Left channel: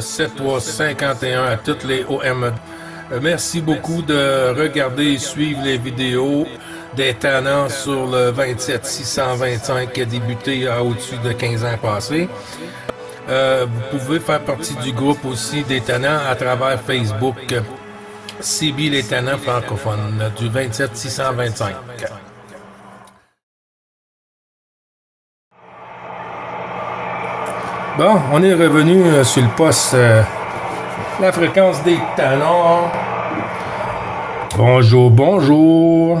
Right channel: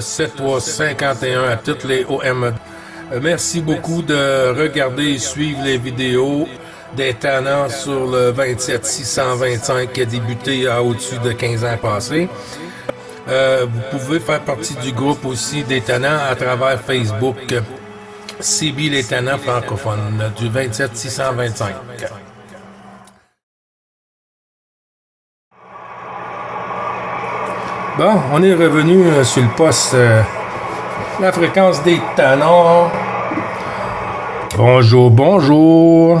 7351 à toutes les OM. Merci beaucoup de regarder et suivre les vidéos des tannants sur le 27625 qui a débuté au-dessus de 15 ans passés. Vous pouvez faire partie du groupe aussi des tannants à travers Facebook. CB les tannants francophones du 27625. Bon, on est revenu sur le poste la fréquence des tannants. Bonjour, bonjour.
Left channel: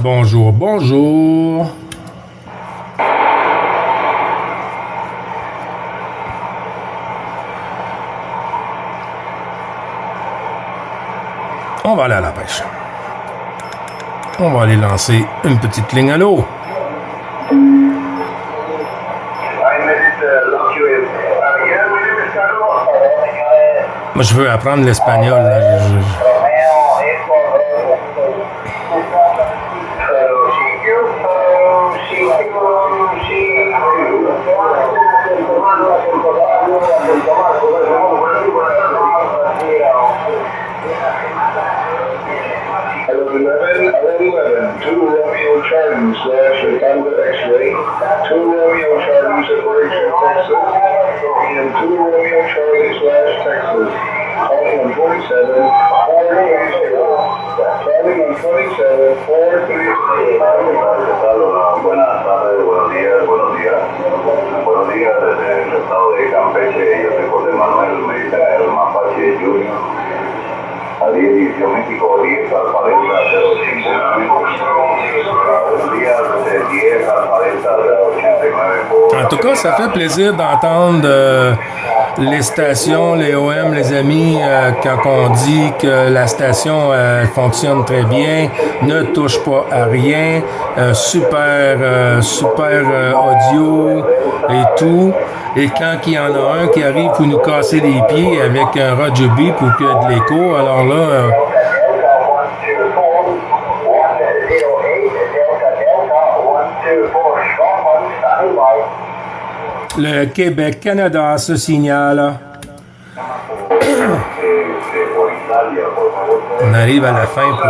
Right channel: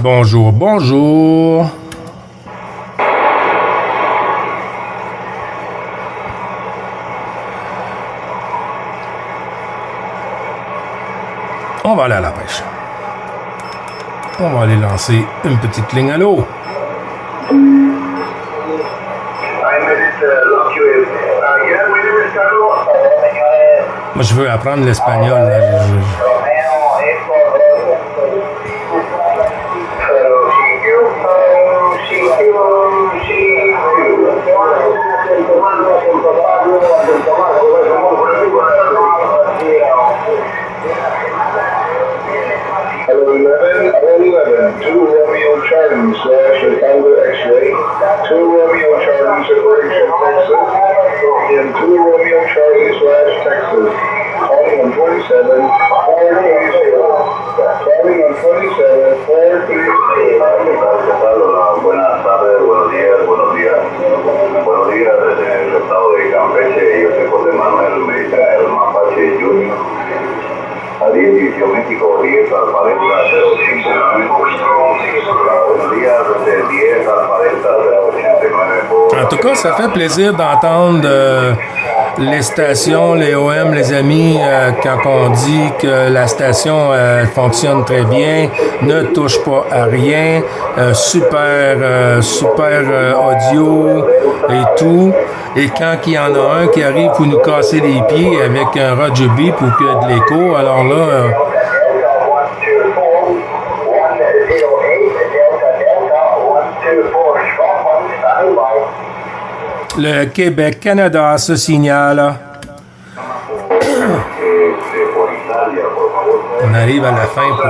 Bonjour, bonjour. On va aller à la pêche. On va aller lancer une petite ligne à l'eau. Moi, je veux apprendre l'espagnol. Chicago X-ray, 2 Romeo Charlie separation Texas, and 2 Romeo Charlie / Texas, calling on 27, 430, calling on 27, 430. Buenas tardes, buenos días. Buenos días desde el estado de Campeche. Yo soy José Manuel, me dicen el Mapache Junior. Alicia, México, 10 al 40 089. Buenos días, desde 10 al 40 089. En tout cas, ça fait plaisir d'entendre les stations, les OM, les amis, quand on dit que la station fonctionne très bien, ne touche pas à rien, super audio et tout. Et quand il y en a un qui arrive pour nous casser les pieds avec un Roger B pour qu'il y ait de l'écho, alors là... le Québec-Canada se signale. On arrive à la fin pour...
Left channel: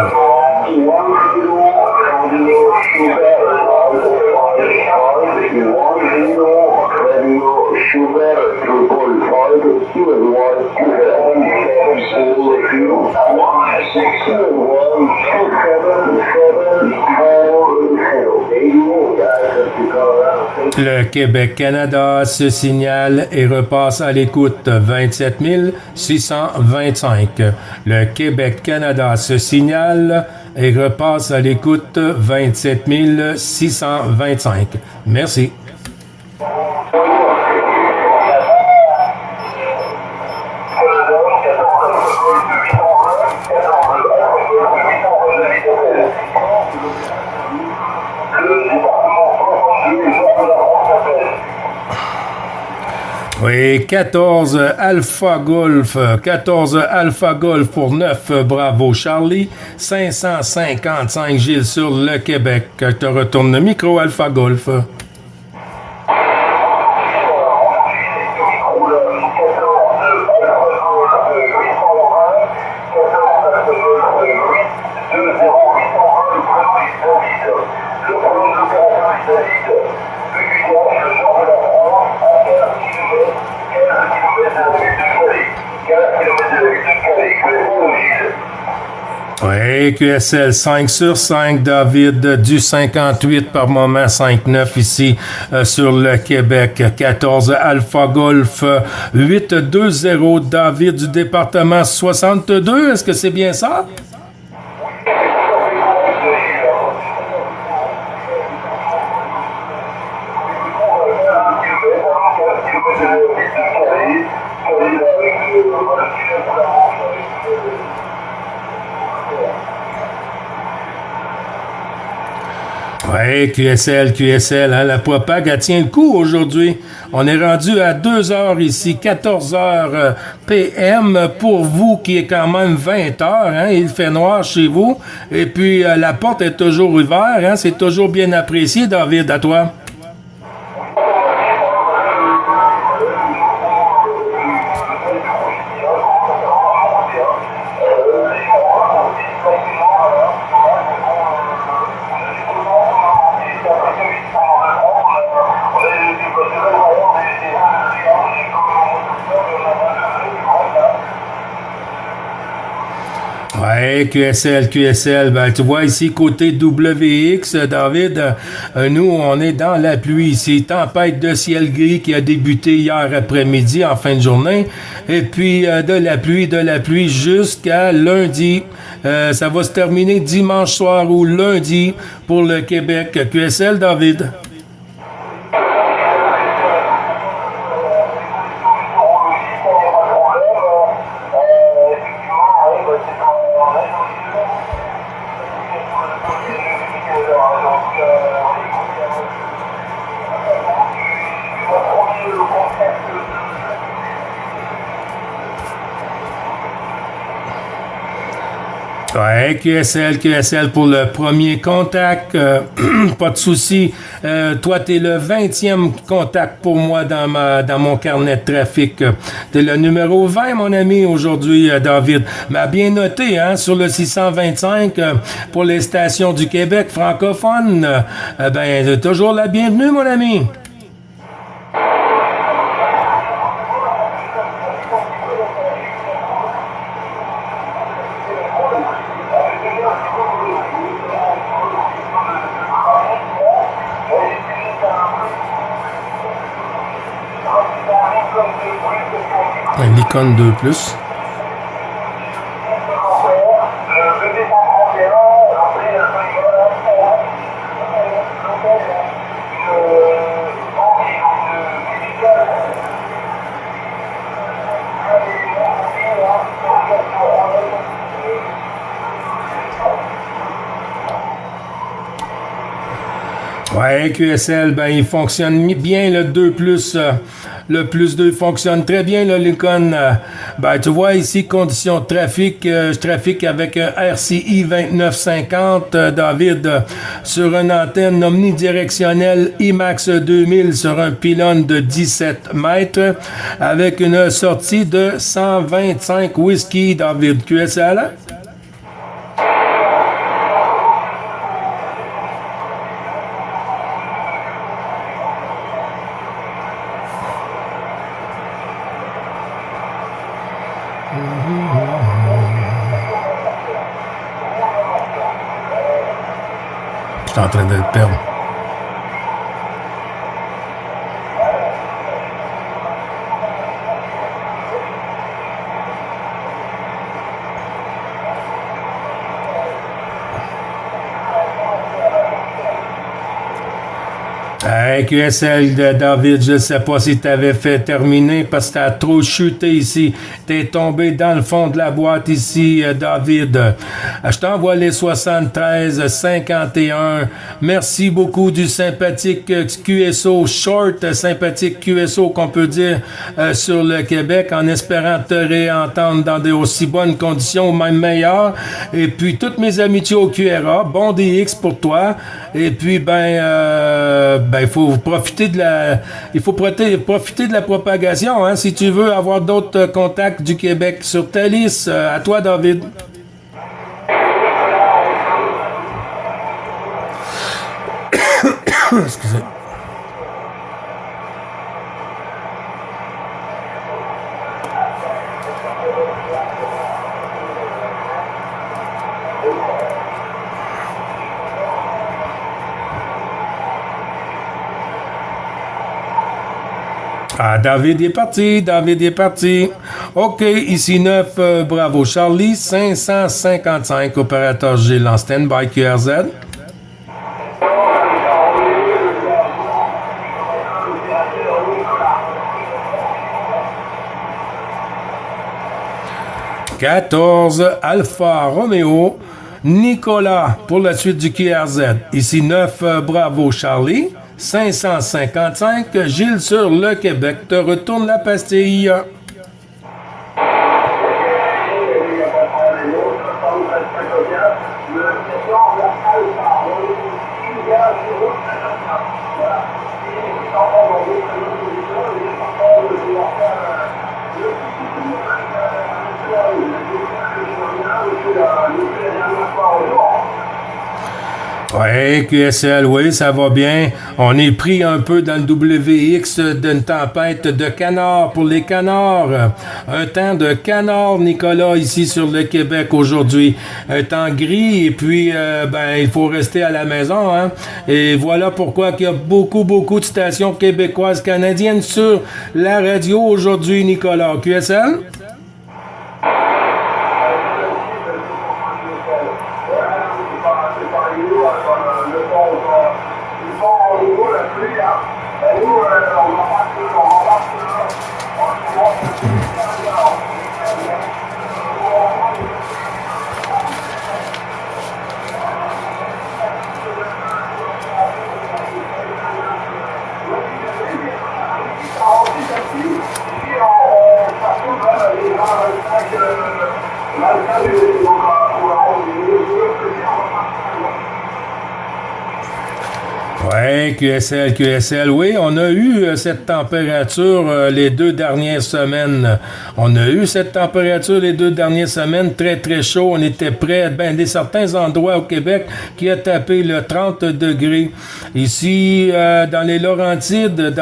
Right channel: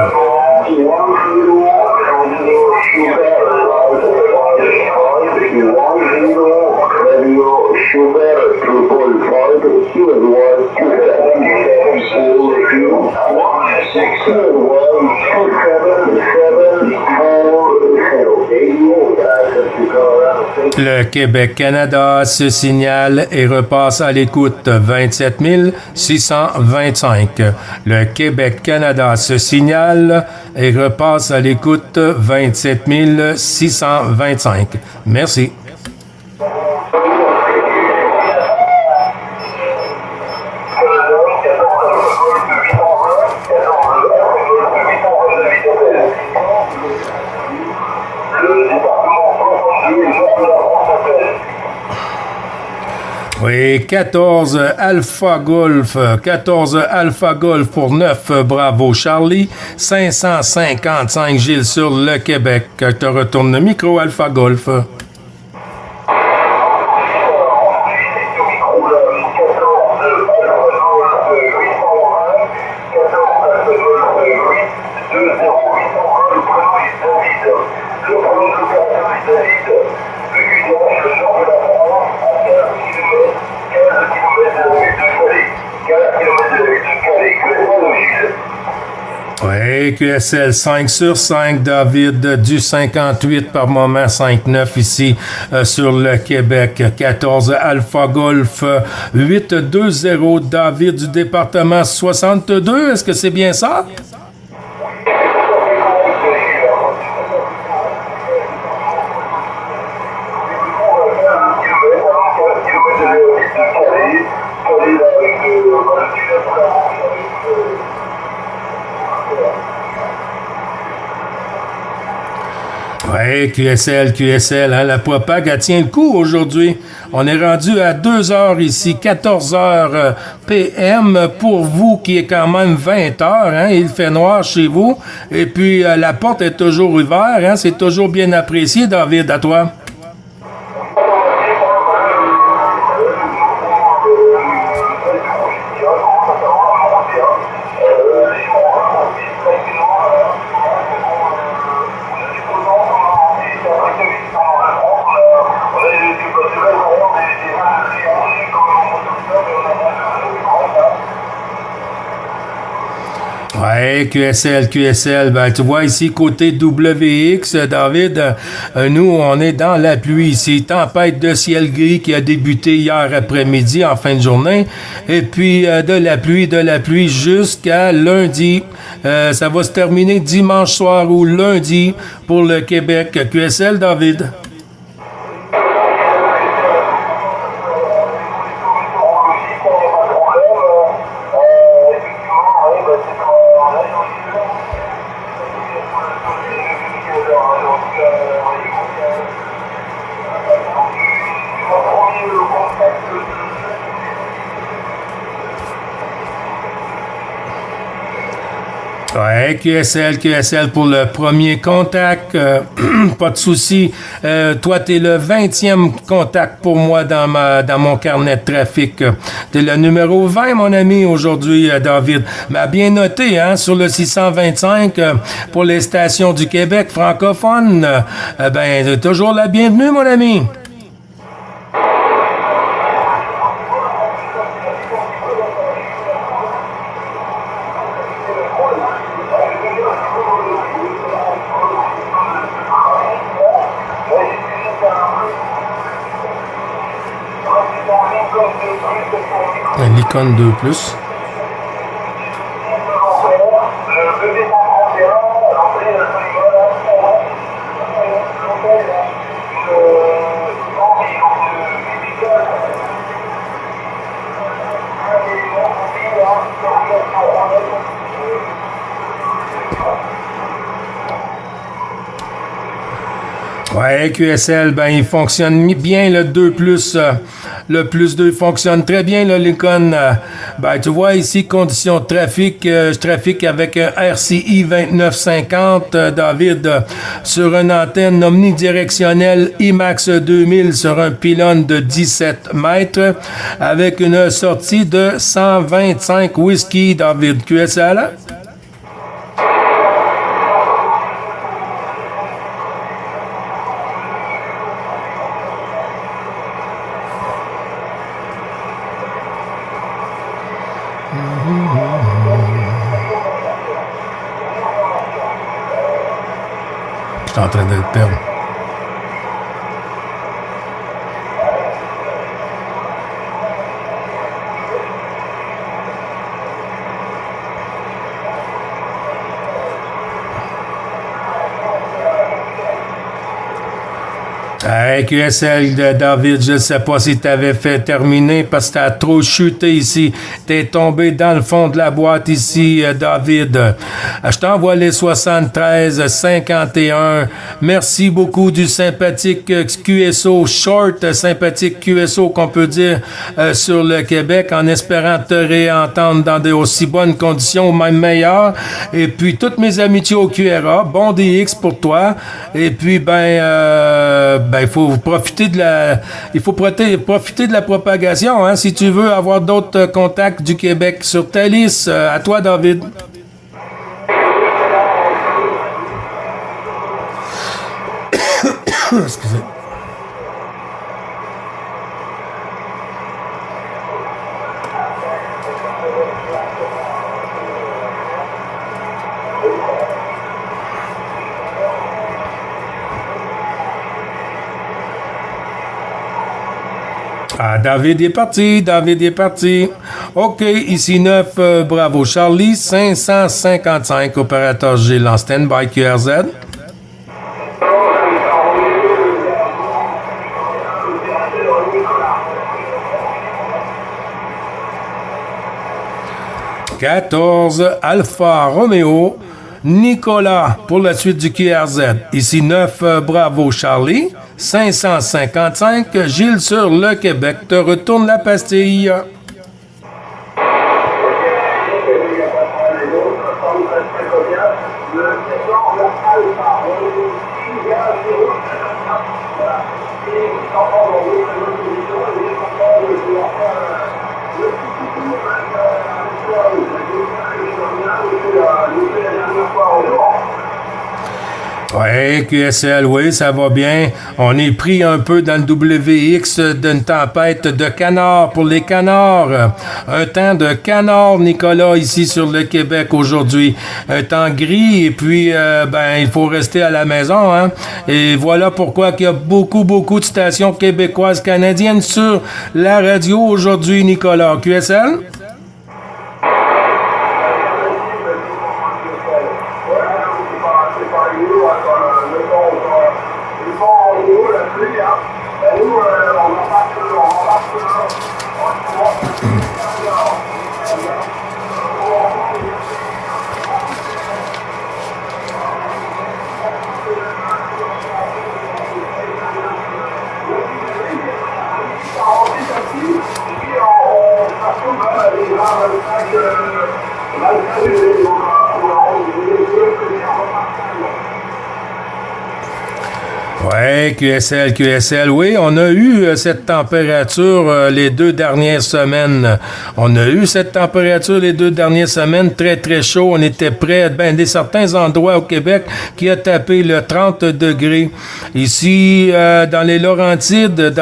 Le Québec-Canada se signale et repasse à l'écoute 27 625. Le Québec-Canada se signale et repasse à l'écoute 27 625. Merci. Oui, 14 Alpha Golf pour 9, bravo Charlie, 555 Gilles sur le Québec. Je te retourne le micro Alpha Golf. Oui, QSL 5 sur 5, David du 58 par moment 5-9 ici sur le Québec. 14 Alpha Golf 820 David du département 62. Est-ce que c'est bien ça? Oui, QSL, hein, la propague, elle tient le coup aujourd'hui. On est rendu à 2 heures ici, 14 heures PM pour vous qui est quand même 20 heures. Hein, il fait noir chez vous. Et puis, la porte est toujours ouverte. Hein, c'est toujours bien apprécié, David, à toi. Ouais, QSL, ben tu vois ici côté WX, David, nous on est dans la pluie ici, tempête de ciel gris qui a débuté hier après-midi en fin de journée, et puis de la pluie jusqu'à lundi. Ça va se terminer dimanche soir ou lundi pour le Québec. QSL, David. Ouais, QSL pour le premier contact. Pas de souci. Toi, t'es le 20e contact pour moi dans mon carnet de trafic. T'es le numéro 20, mon ami, aujourd'hui, David. Mais bien noté, hein, sur le 625, pour les stations du Québec francophones, ben, toujours la bienvenue, mon ami. L'icône 2+. Ouais, QSL, ben il fonctionne bien le 2+, le +2 fonctionne très bien, le Lincoln. Ben tu vois ici, conditions de trafic, je trafique avec un RCI 2950, David, sur une antenne omnidirectionnelle IMAX 2000 sur un pylône de 17 mètres, avec une sortie de 125 whisky, David. QSL? Je suis en train de le perdre. Hey, QSL de David, je ne sais pas si tu avais fait terminer parce que tu as trop chuté ici. Tu es tombé dans le fond de la boîte ici, David. Je t'envoie les 73-51. Merci beaucoup du sympathique QSO short, sympathique QSO qu'on peut dire sur le Québec, en espérant te réentendre dans de aussi bonnes conditions, même meilleures. Et puis, toutes mes amitiés au QRA, bon DX pour toi. Et puis, il faut profiter de la propagation, hein, si tu veux avoir d'autres contacts du Québec sur ta liste. À toi, David. Excusez. Ah, David est parti. OK, ici 9, bravo Charlie, 555, opérateur Gilles en stand-by QRZ. « 14 Alpha Romeo, Nicolas pour la suite du QRZ. Ici 9, bravo Charlie. 555, Gilles sur le Québec. Te retourne la pastille. Ouais, QSL, oui, ça va bien. On est pris un peu dans le WX d'une tempête de canards pour les canards. Un temps de canards, Nicolas, ici sur le Québec aujourd'hui. Un temps gris et puis, il faut rester à la maison, hein. Et voilà pourquoi il y a beaucoup de stations québécoises, canadiennes sur la radio aujourd'hui, Nicolas. QSL? Ouais, QSL, oui, on a eu cette température les 2 dernières semaines. On a eu cette température les 2 dernières semaines, très chaud. On était près, des certains endroits au Québec qui a tapé le 30 degrés. Ici, dans les Laurentides,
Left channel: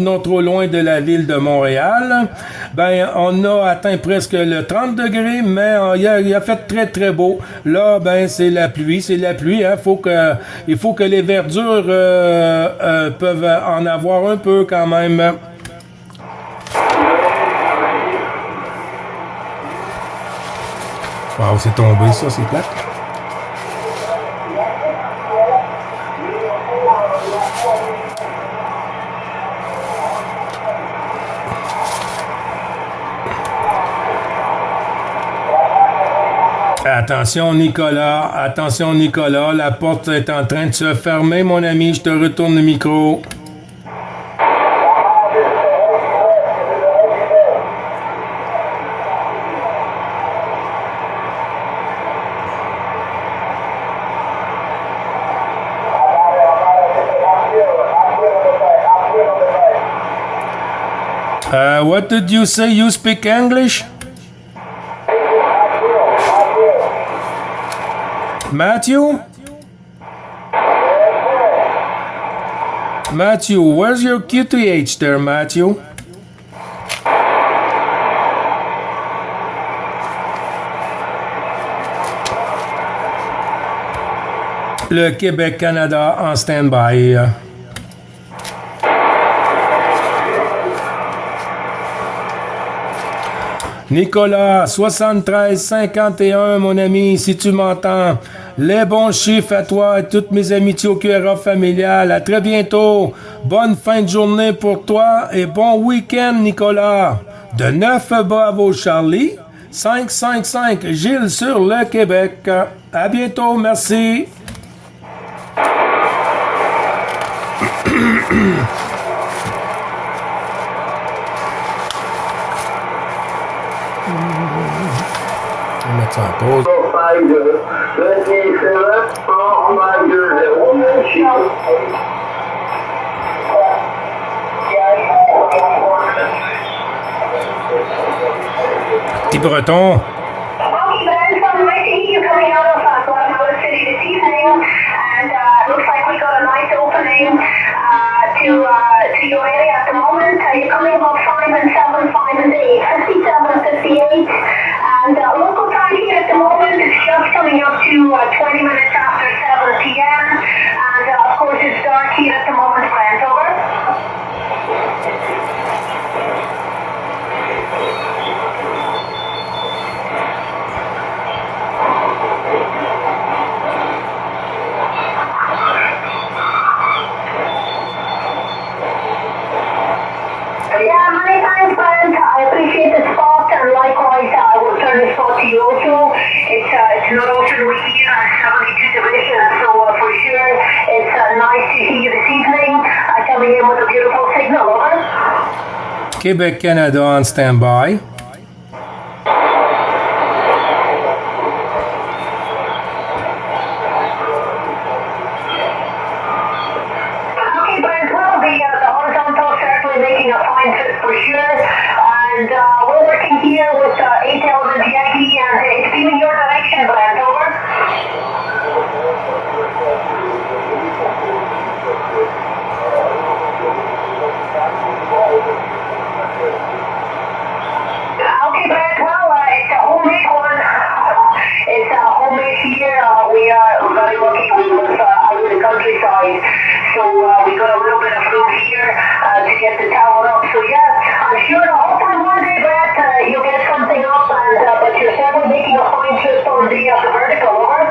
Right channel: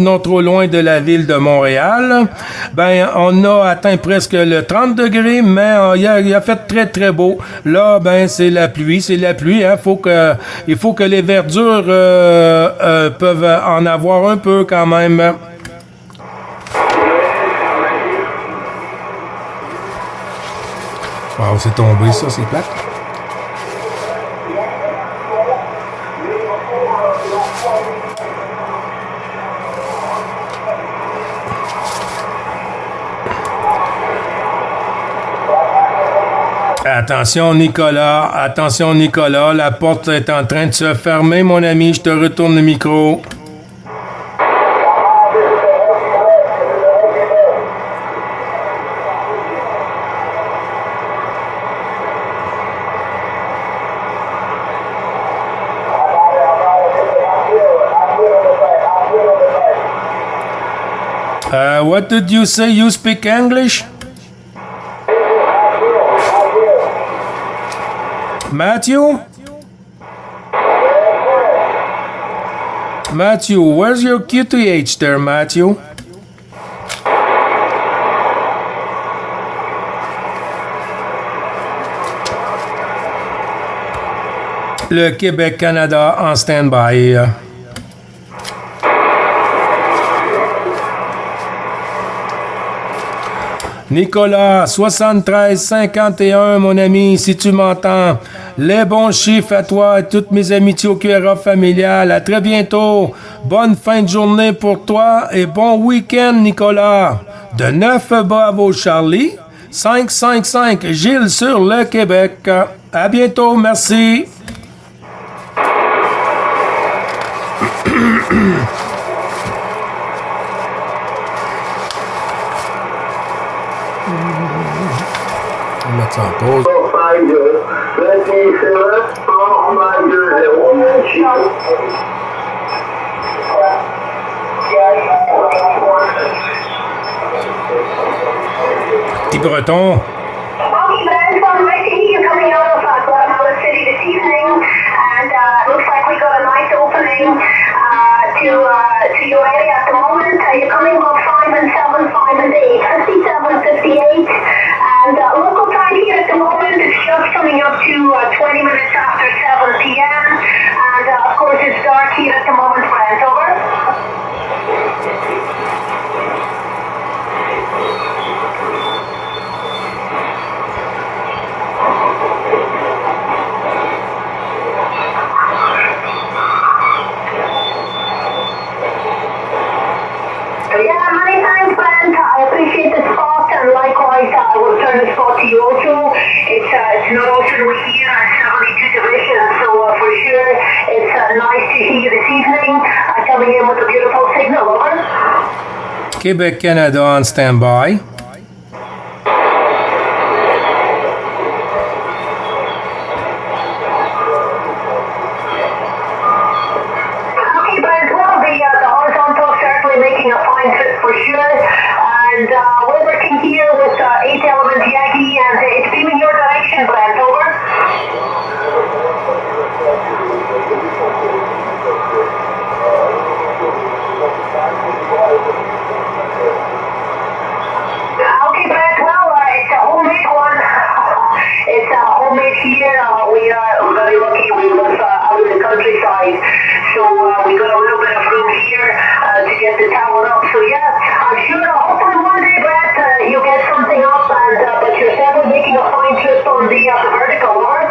non trop loin de la ville de Montréal, on a atteint presque le 30 degrés, mais il a fait très beau. Là, c'est la pluie, hein. Il faut que les verdures peuvent en avoir un peu quand même. Wow, c'est tombé ça, c'est plate. Attention Nicolas, la porte est en train de se fermer, mon ami, je te retourne le micro. What did you say? You speak English? Matthew? Matthew, where's your QTH there, Matthew? Le Québec-Canada en stand-by. Nicolas, 73-51, mon ami, si tu m'entends. Les bons chiffres à toi et toutes mes amitiés au QRA familial. À très bientôt. Bonne fin de journée pour toi et bon week-end, Nicolas. De 9 Bravo Charlie, 555 Gilles sur le Québec. À bientôt, merci. On va mettre ça en pause. Petit breton. To your area at the moment. You're coming about 5 and 7, 5 and 8, 57, 58. And local time here at the moment is just coming up to 20 minutes after 7 p.m. And of course it's dark here at the moment, Brent, over. Yeah, many thanks, Brent. I appreciate the spot, and likewise, I will turn the spot to you also. It's not often we hear on 72 divisions, so for sure, it's nice to see you this evening, coming in with a beautiful signal, over. Quebec, Canada on standby. Making a fine fit for sure, and we're working here with 8 Element Yagi, and it's been in your direction, Brent, over. Okay, Brad, well, it's a homemade one. It's a homemade here. We are very lucky. We live out in the countryside, so we got a little bit of room here to get the tower up. So yeah, I'm sure hopefully one day, Brad, you'll get something up, and but you're certainly making a fine trip on the vertical, over.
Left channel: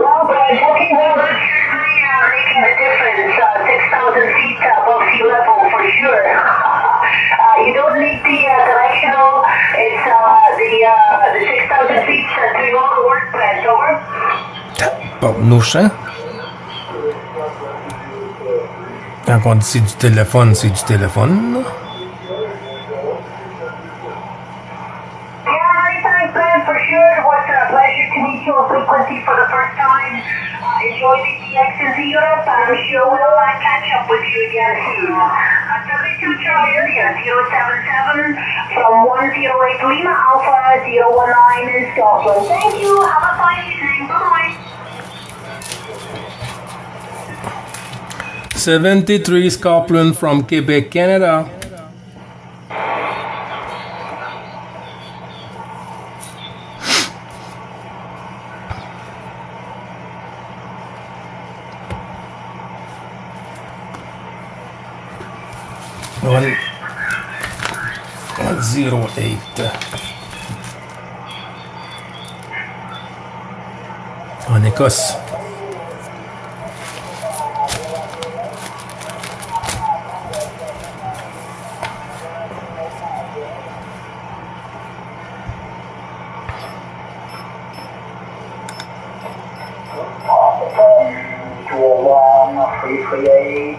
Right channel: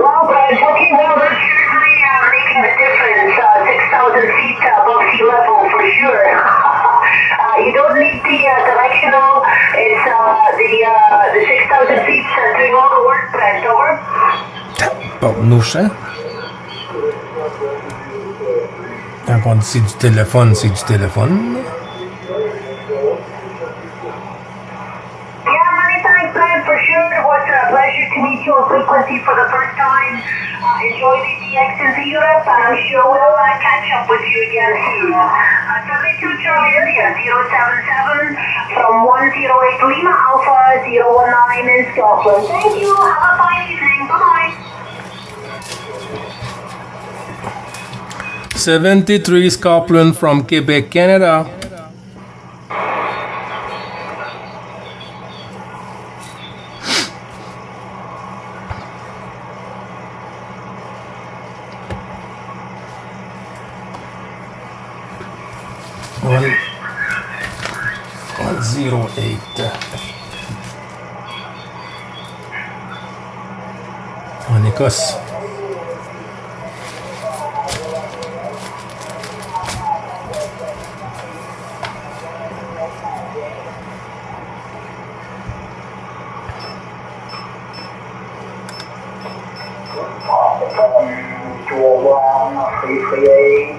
Well, Brad, okay, well, that's certainly making a difference. 6,000 feet above sea level for sure. You don't need the directional. It's the 6,000 feet doing all the work, Brad, over. Porte-nous champ. Quand on dit c'est du téléphone, c'est du téléphone, là. Yeah, many thanks, Brad, for sure. It was a pleasure to meet you on Frequency for the first time. Enjoy the TX into Europe, and I'm sure we'll catch up with you again soon. 72 Charlie area, 077 from 108 Lima Alpha 019 in Scotland. Thank you. Have a fine evening. Bye-bye. 73 Scotland from Quebec, Canada. One, 108. En Écosse.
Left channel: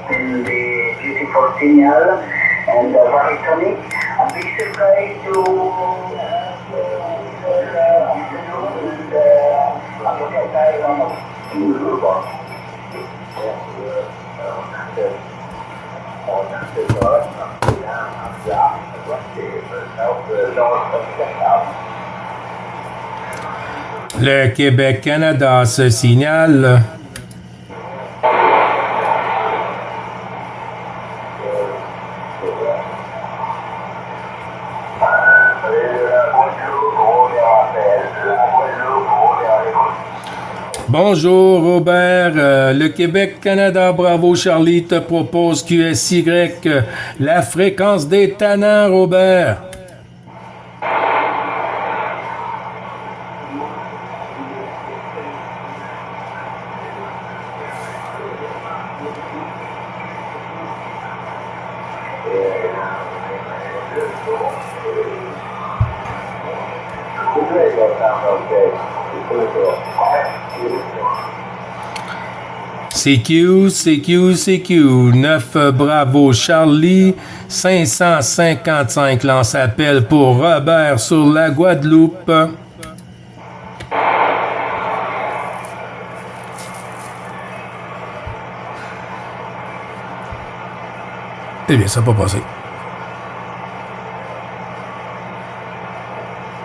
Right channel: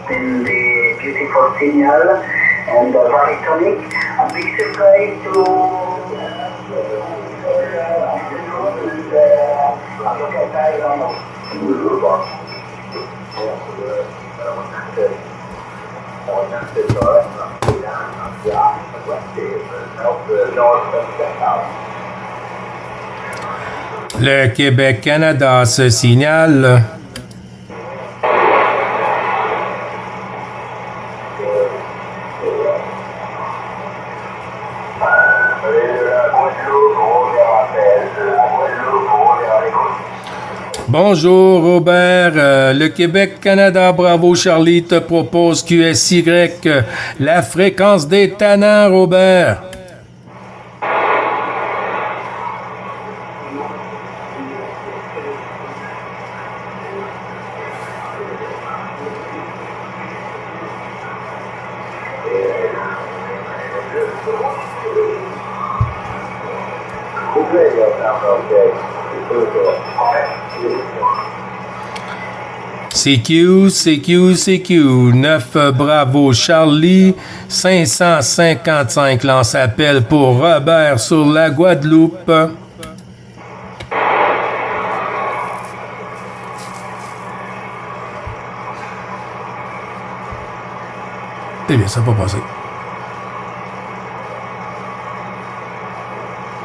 In the beautiful signal and very tonic. A big surprise to Le Québec-Canada se signale. Bonjour Robert, le Québec-Canada Bravo Charlie te propose QSY, la fréquence des tannants Robert. CQ, 9 Bravo Charlie, 555 lance appel pour Robert sur la Guadeloupe. Eh bien, ça n'a pas passé.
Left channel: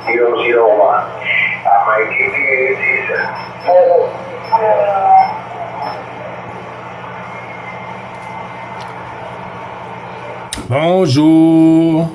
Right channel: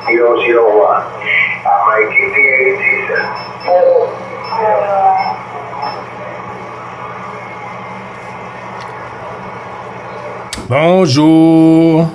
001. My GPA season. Bonjour.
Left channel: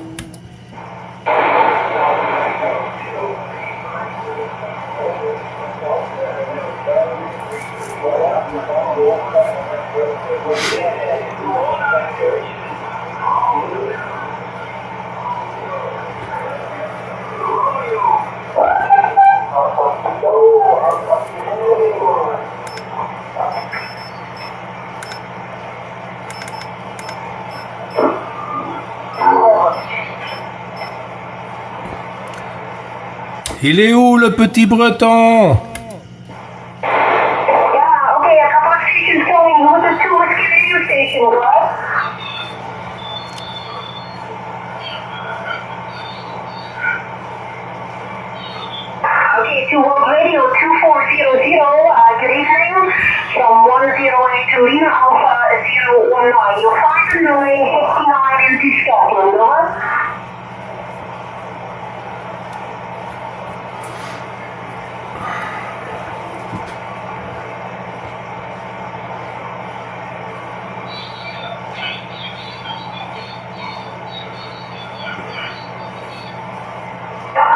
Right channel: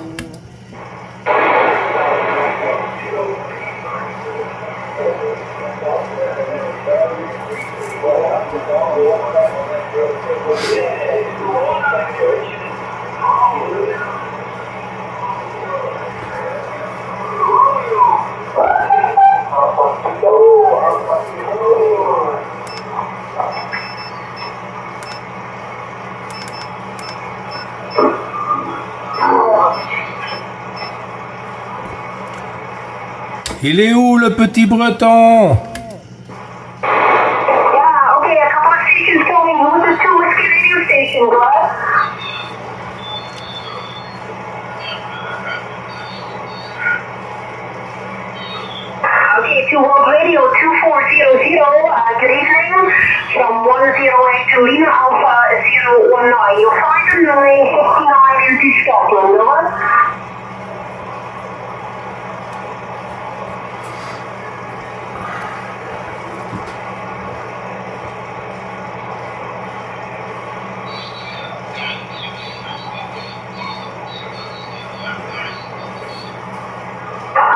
Il est où le petit breton? Yeah, okay, a couple of stations going. Who's the two whiskey radio station, Brad? Okay, to World Radio 2400, good evening. From 108 to Lima Alpha 019. You'll find the 959 into Scotland, over.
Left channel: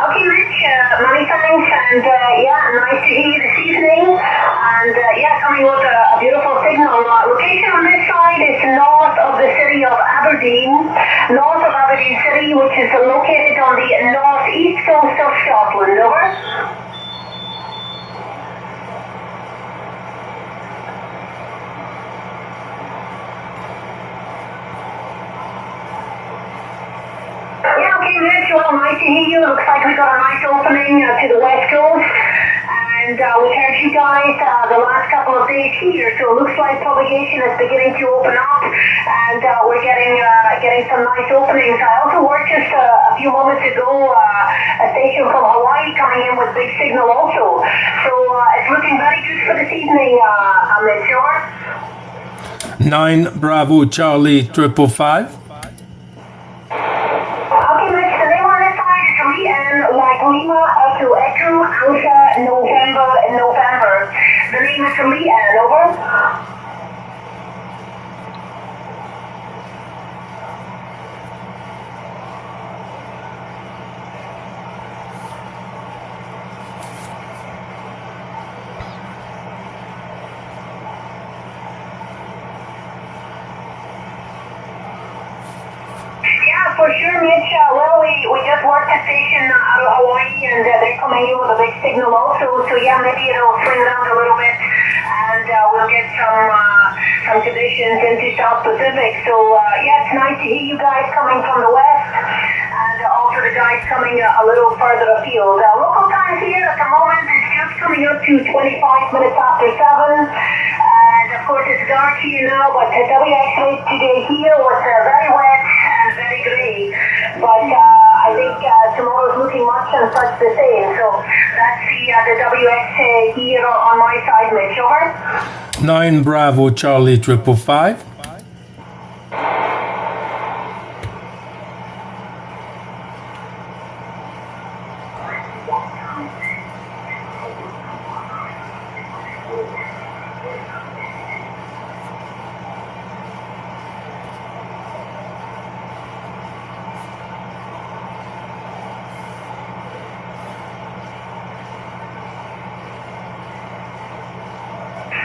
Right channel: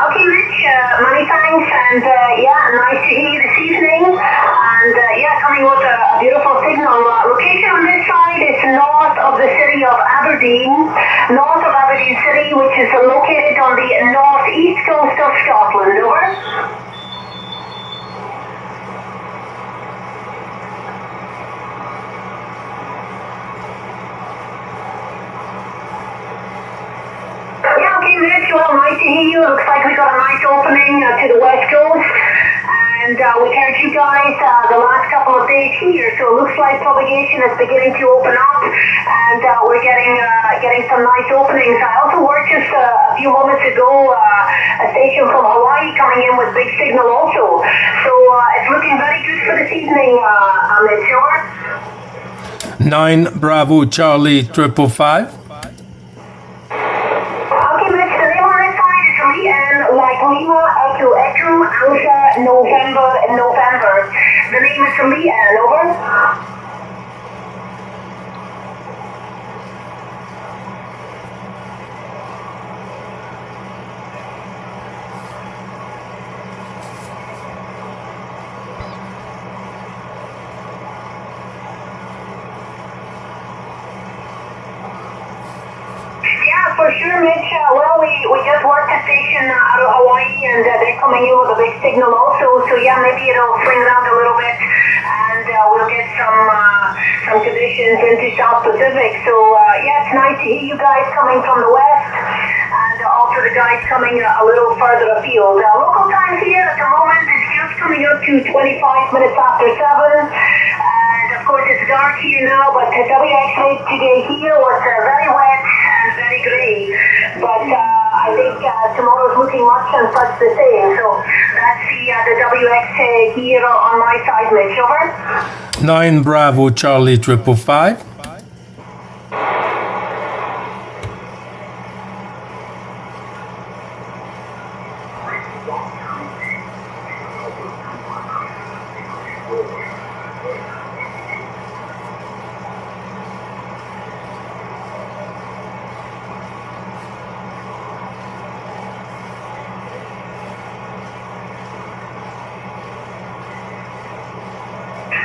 Okay, Rich, many thanks, and nice to hear you this evening. And coming with a beautiful signal. Location on this side is north of the city of Aberdeen, north of Aberdeen City, which is located on the northeast coast of Scotland, over. Yeah, okay, Rich, well, nice to hear you. Looks like we've got a nice opening to the west coast. And we heard you guys the last couple of days here, so it looks like propagation is beginning to open up, and we're getting some nice openings. I also worked just a few moments ago, a station from Hawaii coming in with big signal also. So it's looking very good for this evening, Mitch, over. 9 Bravo Charlie 555. Okay, Mitch, the name on this side is Lian, like Lima, Echo, Alpha, November. The name is Lian, over. Yeah, for sure, Mitch. Well, we just worked a station out of Hawaii, and they're coming in with a big signal also. So yeah, maybe it'll swing around a little bit, and we'll get some conditions into South Pacific. So it's nice to hear you guys coming from the west, and also the guys coming a little further afield. Local time here at the moment is just coming up to 25 minutes after 7. And of course, it's dark here now, but the WX today here was very wet and very grey. But I think tomorrow's looking much and such the same. So that's the WX here on my side, Mitch, over. 9 Bravo Charlie 555.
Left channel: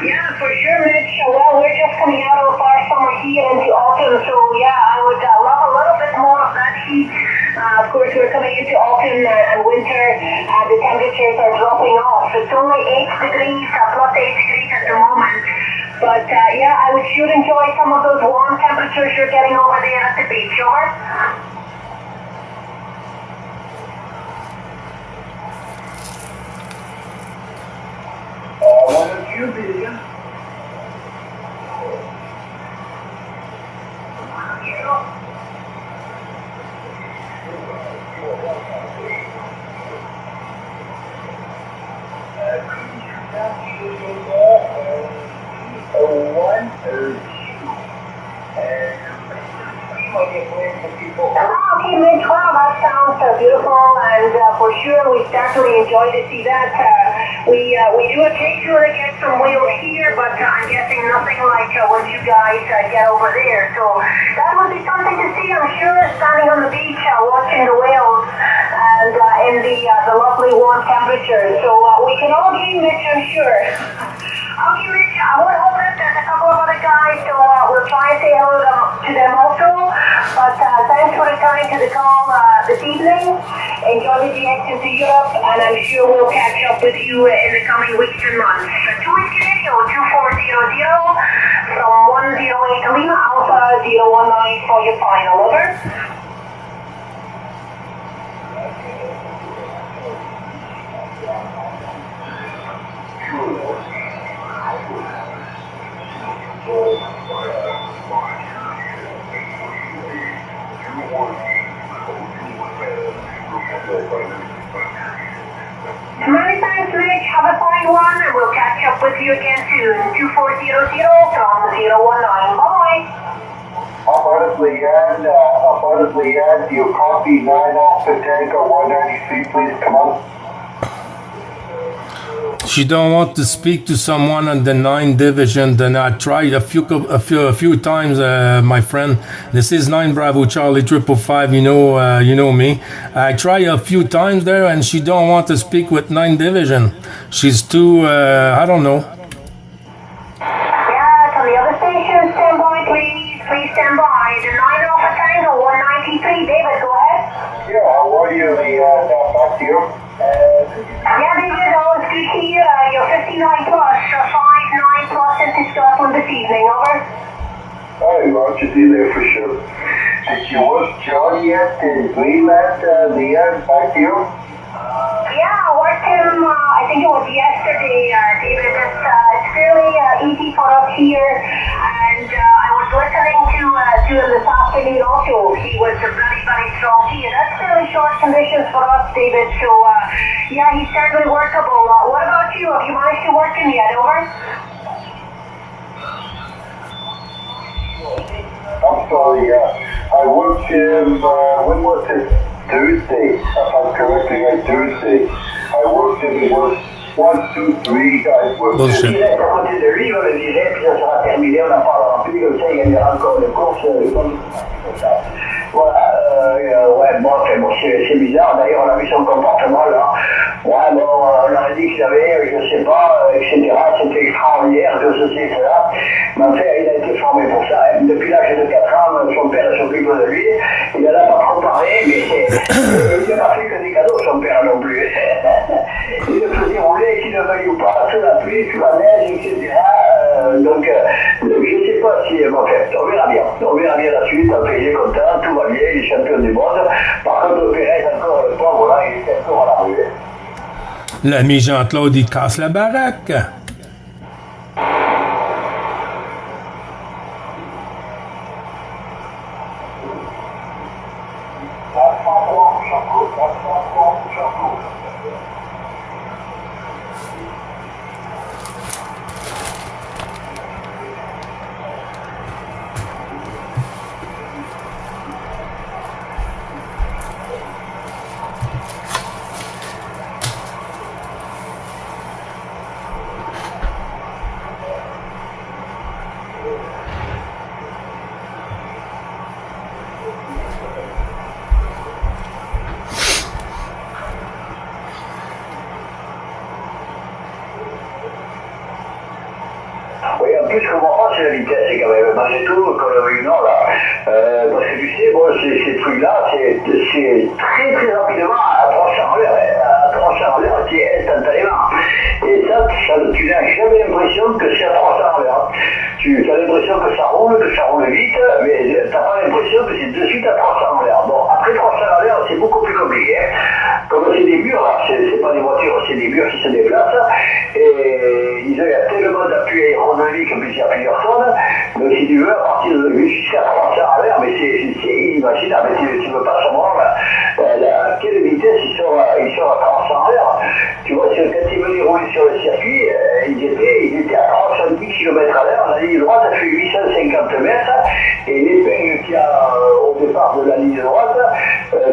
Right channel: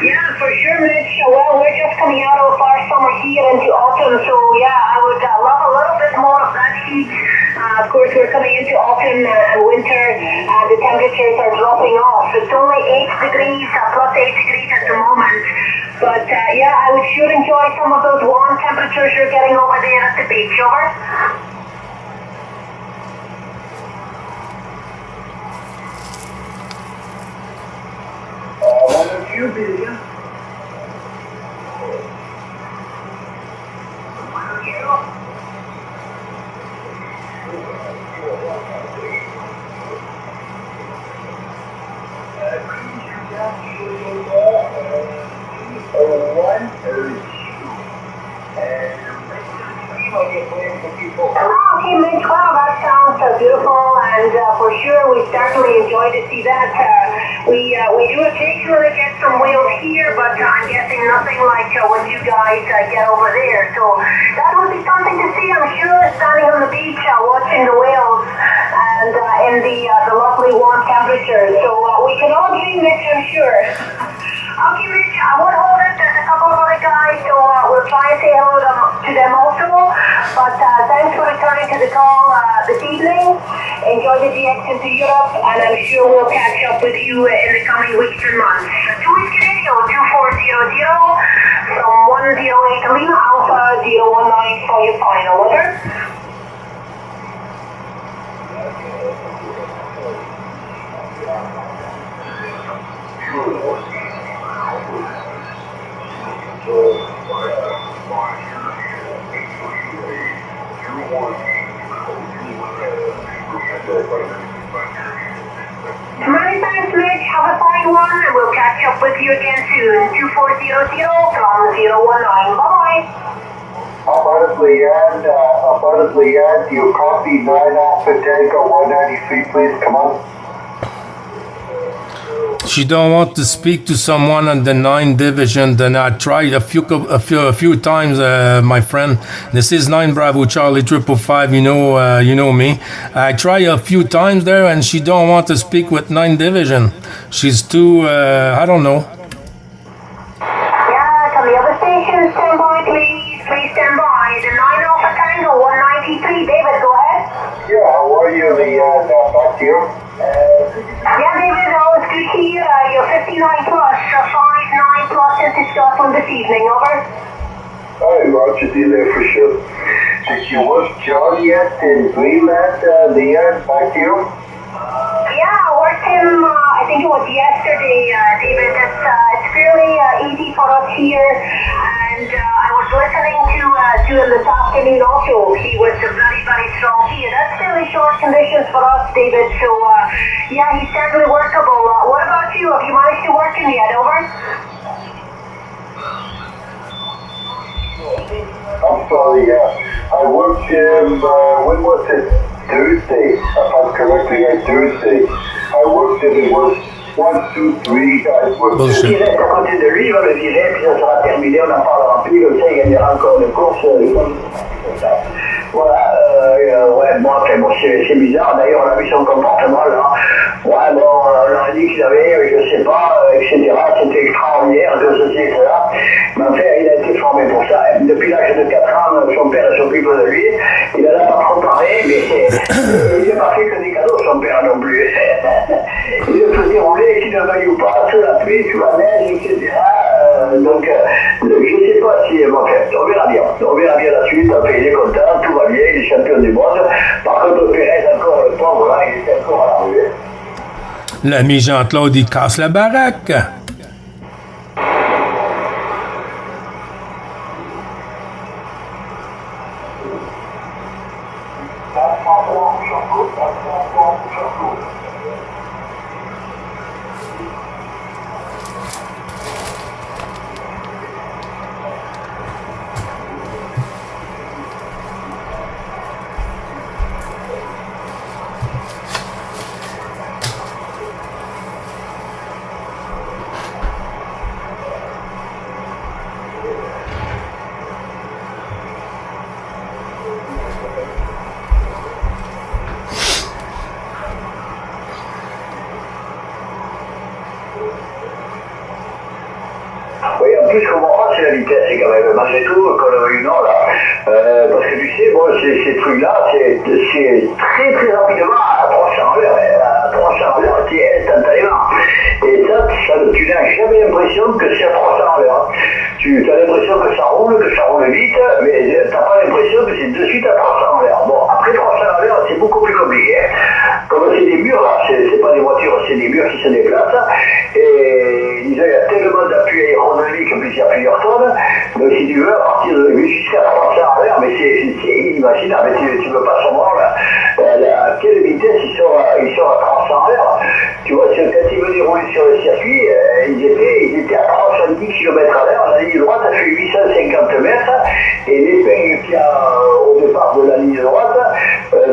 Yeah, for sure, Mitch. Well, we're just coming out of our summer here into autumn, so I would love a little bit more of that heat. Of course, we're coming into autumn and winter, and the temperatures are dropping off. It's only 8 degrees, plus 8 degrees at the moment. But I would sure enjoy some of those warm temperatures you're getting over there at the beach, over. Okay, Mitch, wow, that sounds beautiful, and for sure we certainly enjoy to see that. We do occasionally get some whales here, but I'm guessing nothing like what you guys get over there. So that would be something to see, I'm sure, standing on the beach watching the whales and in the lovely warm temperatures. So we can all dream, Mitch, I'm sure. Okay, Rich, I won't hold it. There's a couple of other guys, so we'll try and say hello to them also. But thanks for returning to the call this evening. Enjoy the GX into Europe, and I'm sure we'll catch up with you in the coming weeks and months. 2 Radio 2400 from 108 Lima Alpha 019 for your final, over. Many thanks, Mitch. Have a fine one, and we'll catch up up with you again soon. 2400 from 019. Bye-bye. Affirmatively, and you copy 9 Alpha Tango 193, please come on. She don't want to speak to someone on the 9 division. Then I tried a few times, my friend. This is 9 Bravo Charlie 555. You know me. I tried a few times there, and she don't want to speak with 9 division. She's too. I don't know. Yeah, from the other station, stand by, please. Please stand by. The 9 Alpha Tango 193. David, go ahead. Yeah, how are you? Back to you. Yeah, David, it's good to hear. You're 59 plus, 59 plus into Scotland this evening, over. Hi, Roger, see you there for sure. Did you watch Johnny yet in Greenland, back to you? Yeah, I worked him, I think it was yesterday, David. It's fairly easy for us here, and I was listening to him this afternoon also. He was a very, very strong here. That's fairly short conditions for us, David, so yeah, he's certainly workable. What about you? Have you managed to work him yet, over? I'm sorry, I worked him, when was it? Thursday, if I'm correctly, Thursday. I worked him, it was 1, 2, 3 guys worked. Bullshit. Il est à côté de lui, il va le virer, puis ça sera terminé, on n'en parlera plus, comme ça il gagnera encore une course. Voilà, ouais, bon, après, bon, c'est bizarre, d'ailleurs, on a vu son comportement, là. Ouais, bon, on leur a dit qu'il avait, je sais pas, etc., c'était extraordinaire, que ceci et cela. Mais en fait, il a été formé pour ça, hein. Depuis l'âge de 4 ans, son père s'occupe de lui, il en a pas trop parlé, mais il n'a pas fait que des cadeaux, son père non plus. Il le faisait rouler, qu'il ne veuille ou pas, sous la pluie, sous la neige, etc., donc, je ne sais pas si, bon, on verra bien la suite, enfin, il est content, tout va bien, il est champion du monde. Par contre, Pérez, encore le pauvre, là, il est encore à la rue. L'ami Jean-Claude, il casse la baraque. Oui, en plus, ce qu'on comprend, c'est la vitesse, c'est quand même, malgré tout, qu'on a eu non, là. Parce que tu sais, bon, ces trucs-là, c'est très très rapidement à 300 à l'heure, à 300 à l'heure, c'est instantanément. Et ça, tu n'as jamais l'impression que c'est à 300 à l'heure. Tu as l'impression que ça roule vite, mais tu n'as pas l'impression que c'est de suite à 300 à l'heure. Bon, après 300 à l'heure, c'est beaucoup plus compliqué. Hein. Comme c'est des murs, là, c'est pas des voitures, c'est des murs qui se déplacent. Et il y a tellement d'appui aérodynamique, en plus il y a plusieurs tonnes. Donc si tu veux, à partir de jusqu'à 300 à l'heure, mais c'est inimaginable. Tu veux pas savoir à quelle vitesse ils sont à 300 à l'heure. Tu vois, quand ils venaient rouler sur le circuit, ils étaient à 310 km à l'heure. La ligne droite a fait 850 mètres. Et l'épingle qu'il y a au départ de la ligne droite,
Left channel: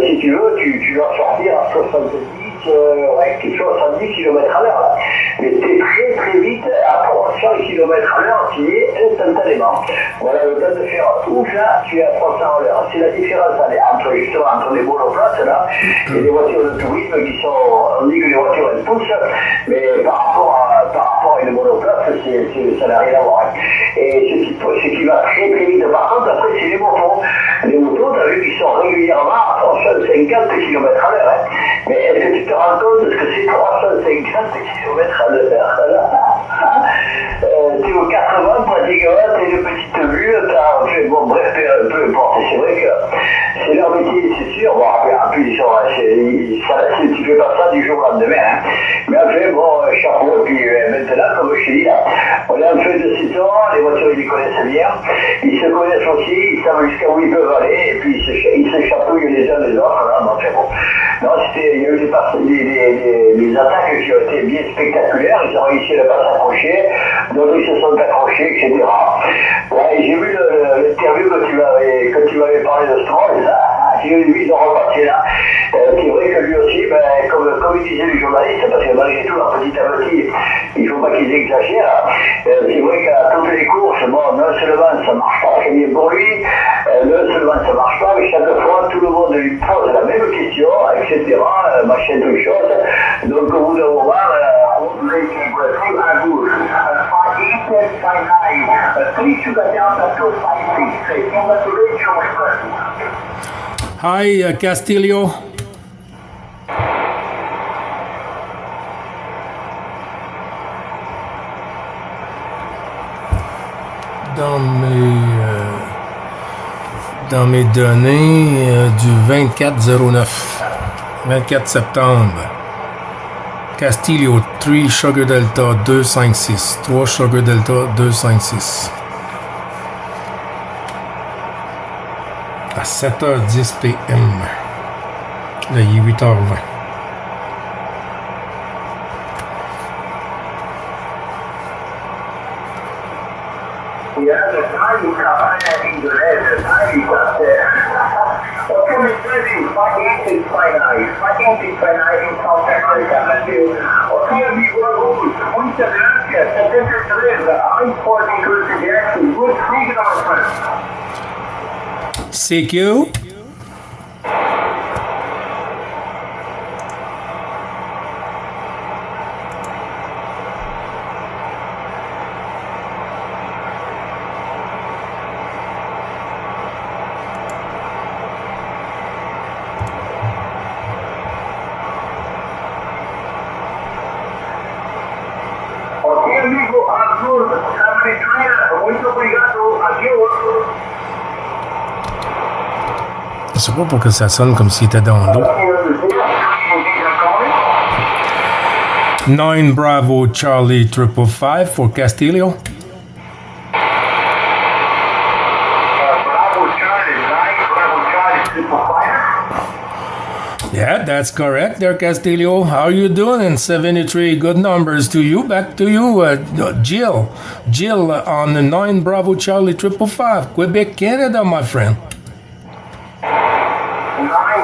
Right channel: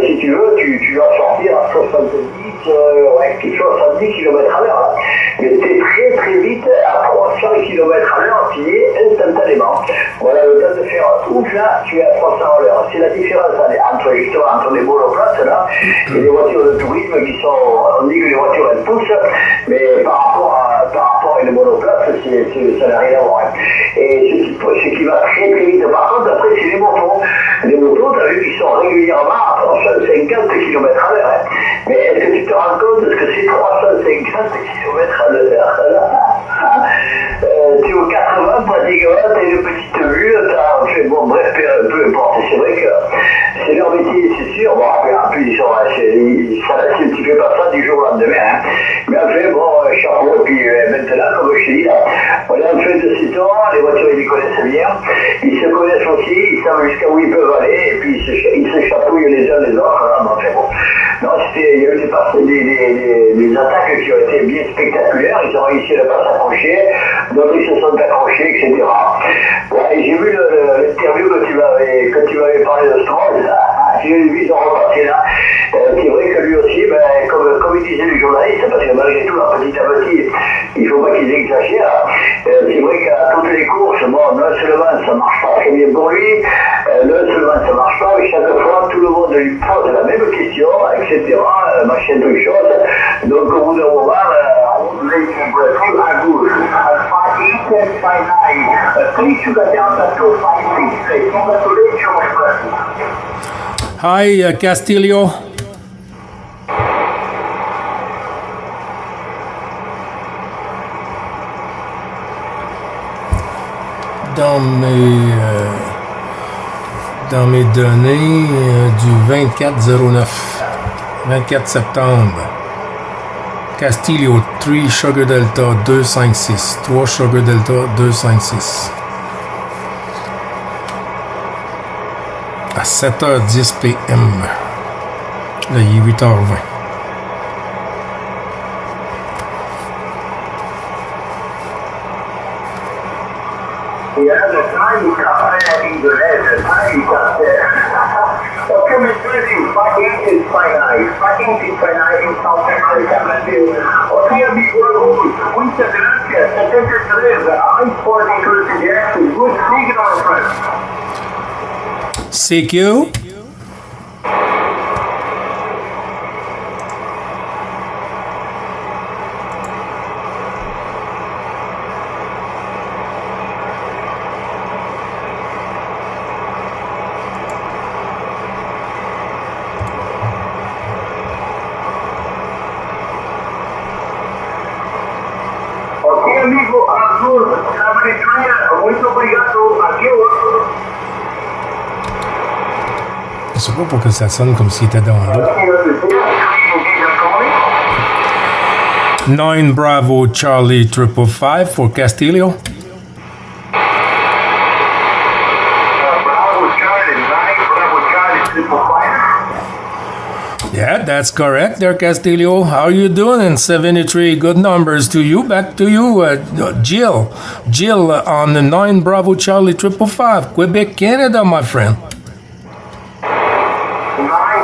si tu veux, tu dois sortir à 70 km à l'heure. Mais c'est très très vite, à 300 km à l'heure, tu y es instantanément. Voilà, le temps de faire tout ça, tu es à 300 à l'heure. C'est la différence entre les monoplaces là, et les voitures de tourisme qui sont, on dit que les voitures elles poussent, mais par rapport à une monoplace, ça n'a rien à voir. Et ce qui va très très vite, par contre, après c'est les motos. Les motos, tu as vu qu'ils sont régulièrement à 350 km à l'heure. Hein. Mais est-ce que tu te rends compte de ce que c'est 350 km à l'heure? Tu es au 80 pratiquement, tu as une petite vue, bon bref, peu importe. C'est vrai que c'est leur métier, c'est sûr. Bon, après, en plus, tu fais pas ça du jour au lendemain. Hein. Mais enfin, bon, chapeau. Et puis maintenant, comme je te dis, là, on est en train de piétons, les voitures ils les connaissent bien, ils se connaissent aussi, ils savent jusqu'à où ils peuvent aller, et puis ils se chapouillent les uns les autres, voilà, donc c'est bon. Non, il y a eu des attaques qui ont été bien spectaculaires, ils ont réussi à ne pas s'accrocher, d'autres ils se sont accrochés, etc. Ouais, j'ai vu l'interview que tu m'avais parlé de Stroll, là. J'ai vu, ils ont repassé là. C'est vrai que lui aussi, ben, comme il disait les journalistes, parce que malgré tout, petit à petit, il ne faut pas qu'ils exagèrent. C'est vrai qu'à toutes les courses, bon, non seulement ça ne marche pas très bien pour lui, non seulement ça ne marche pas, mais chaque fois, tout le monde lui pose la même question, etc., machin, toute chose. Donc, au bout d'un moment, à gauche, Hi, Castillo. Dans mes données du 24 septembre. Castillo 3 Sugar Delta 256. 3 Sugar Delta 256. À 7h10 PM. Là, il est 8h20. CQ. Ok, amigo Arthur, na Venezuela, muito obrigado. Adeus. Je sais pas pourquoi ça sonne comme s'il était dans l'eau. 9 Bravo Charlie 555 for Castillo. Yeah, that's correct there, Castillo. How are you doing? And 73 good numbers to you. Back to you, Jill. Jill on the 9 Bravo Charlie 555, Quebec, Canada, my friend. 9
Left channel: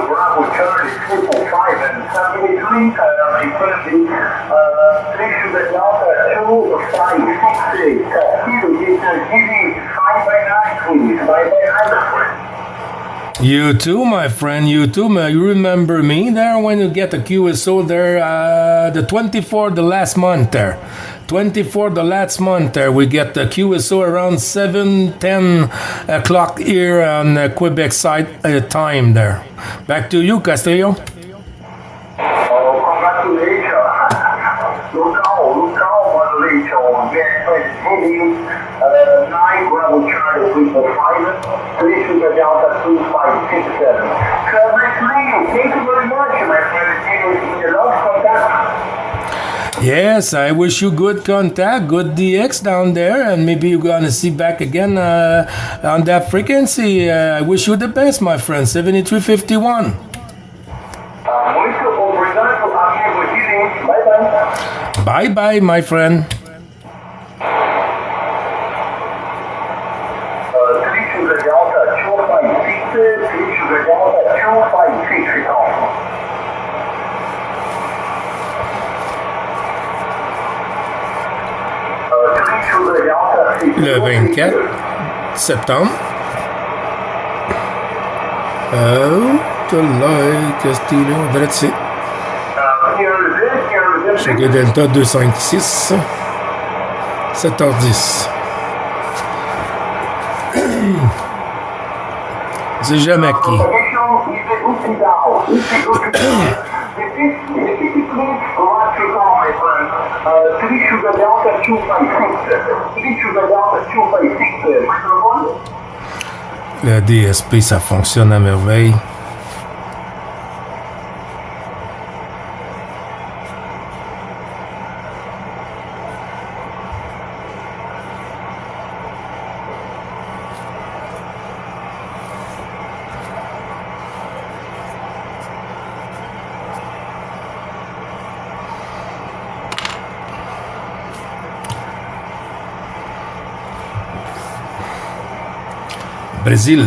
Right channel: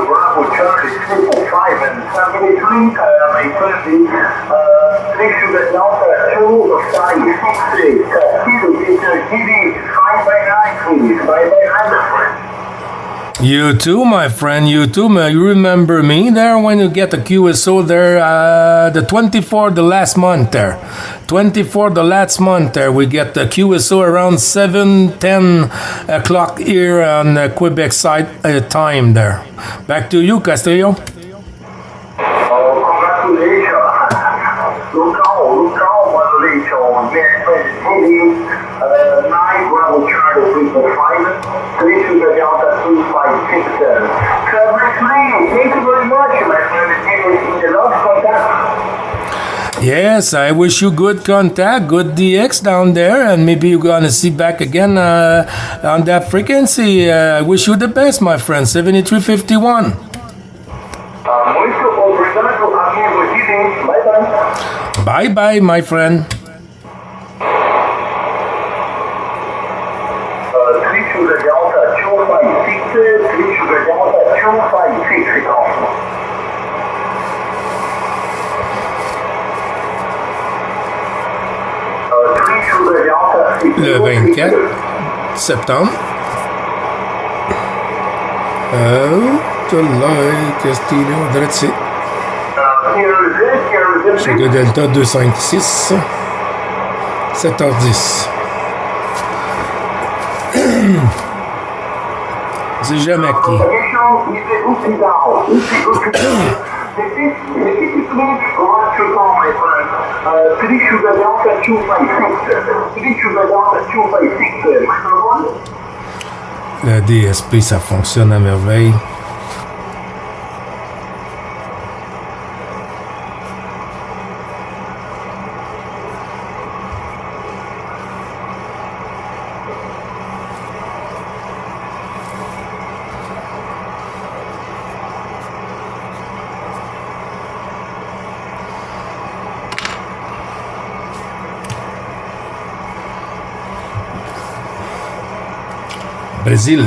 Bravo Charlie 555 and 73, my friend, next to the Delta 256, TV 5x9, please, 5x9, my friend. You too, my friend. You too. You remember me there when you get the QSO there, the 24, the last month there. 24, the last month there. We get the QSO around 7:10 o'clock here on the Quebec side time there. Back to you, Castillo. Congratulations. Look out, 9 Bravo Charlie 345, 3 Sugar Delta 2567. Thank you very much, my friend. You love contact. Yes, I wish you good contact, good DX down there, and maybe you're going to see back again on that frequency. I wish you the best, my friend. 7351. Muito obrigado, amigo Jimmy. Bye-bye. Bye-bye, my friend. 3 Sugar Delta 256, 3 Sugar Delta 256. Le 24 septembre. Castillo, Dretzi. Sugar Delta 256. 7h10. C'est jamais qui. La DSP, ça fonctionne à merveille. Brésil.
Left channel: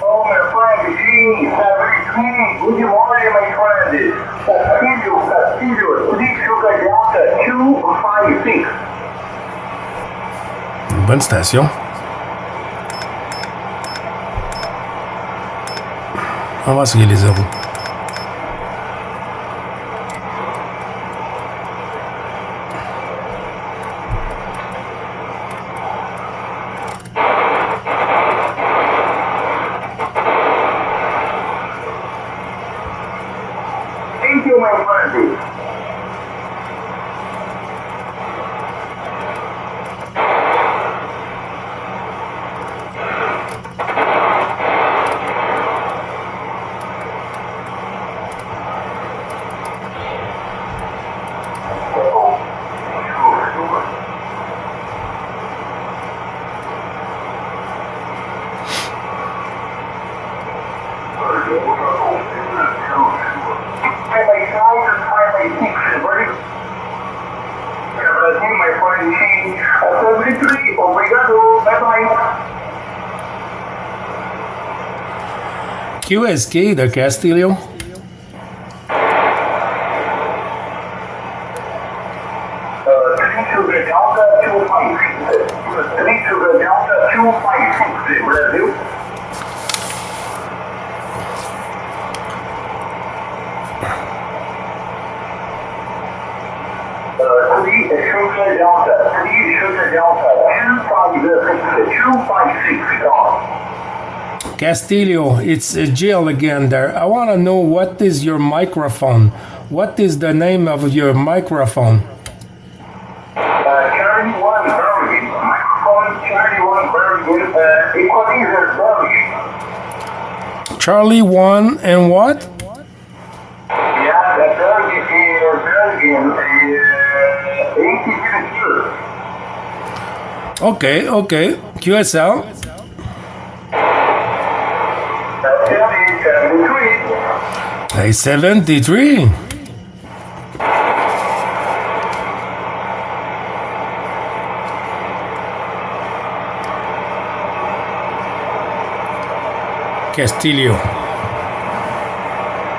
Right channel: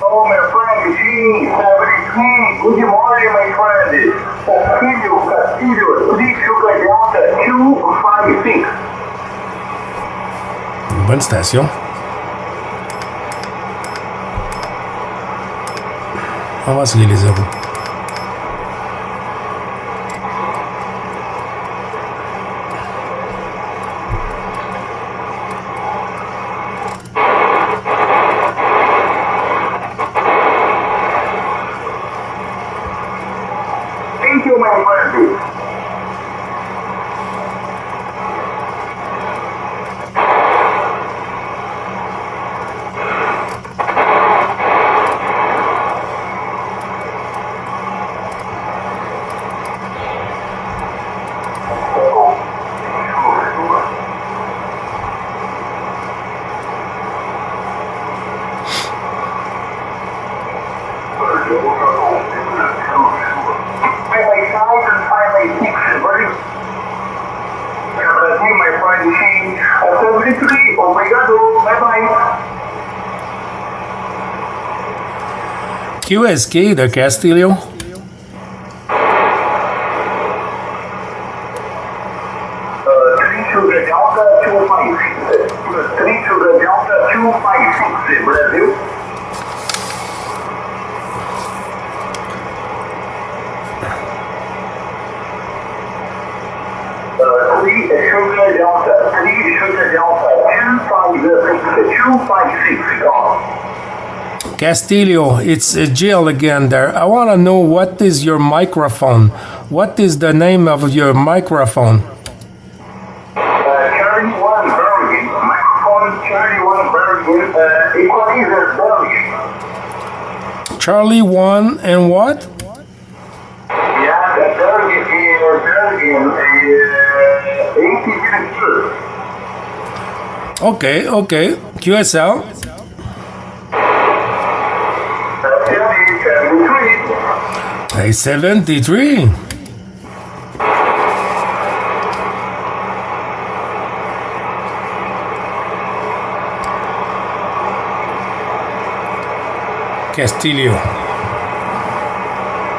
Oh, my friend, G73. Good morning, my friend. Castillo, 3 Sugar Delta 256. Une bonne station. On va essayer les zéros. Thank you, my friend. Highway 5 and Highway 6, ready? Brasil, my friend, G 73, obrigado, bye-bye. QSK de Castillo. 3 Sugar Delta 256. 3 Sugar Delta 256, Brasil. Three Sugar Delta 256, gone. Castillo, it's Jill again there. I want to know what is your microphone. What is the name of your microphone? Charlie 1 Bergen, microphone Charlie 1 Bergen, equalizer Bergen. Charlie 1 and what? Yeah, the Bergen, 82. Okay. QSL. 73. 73. Castillo.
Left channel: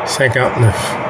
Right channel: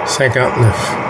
59.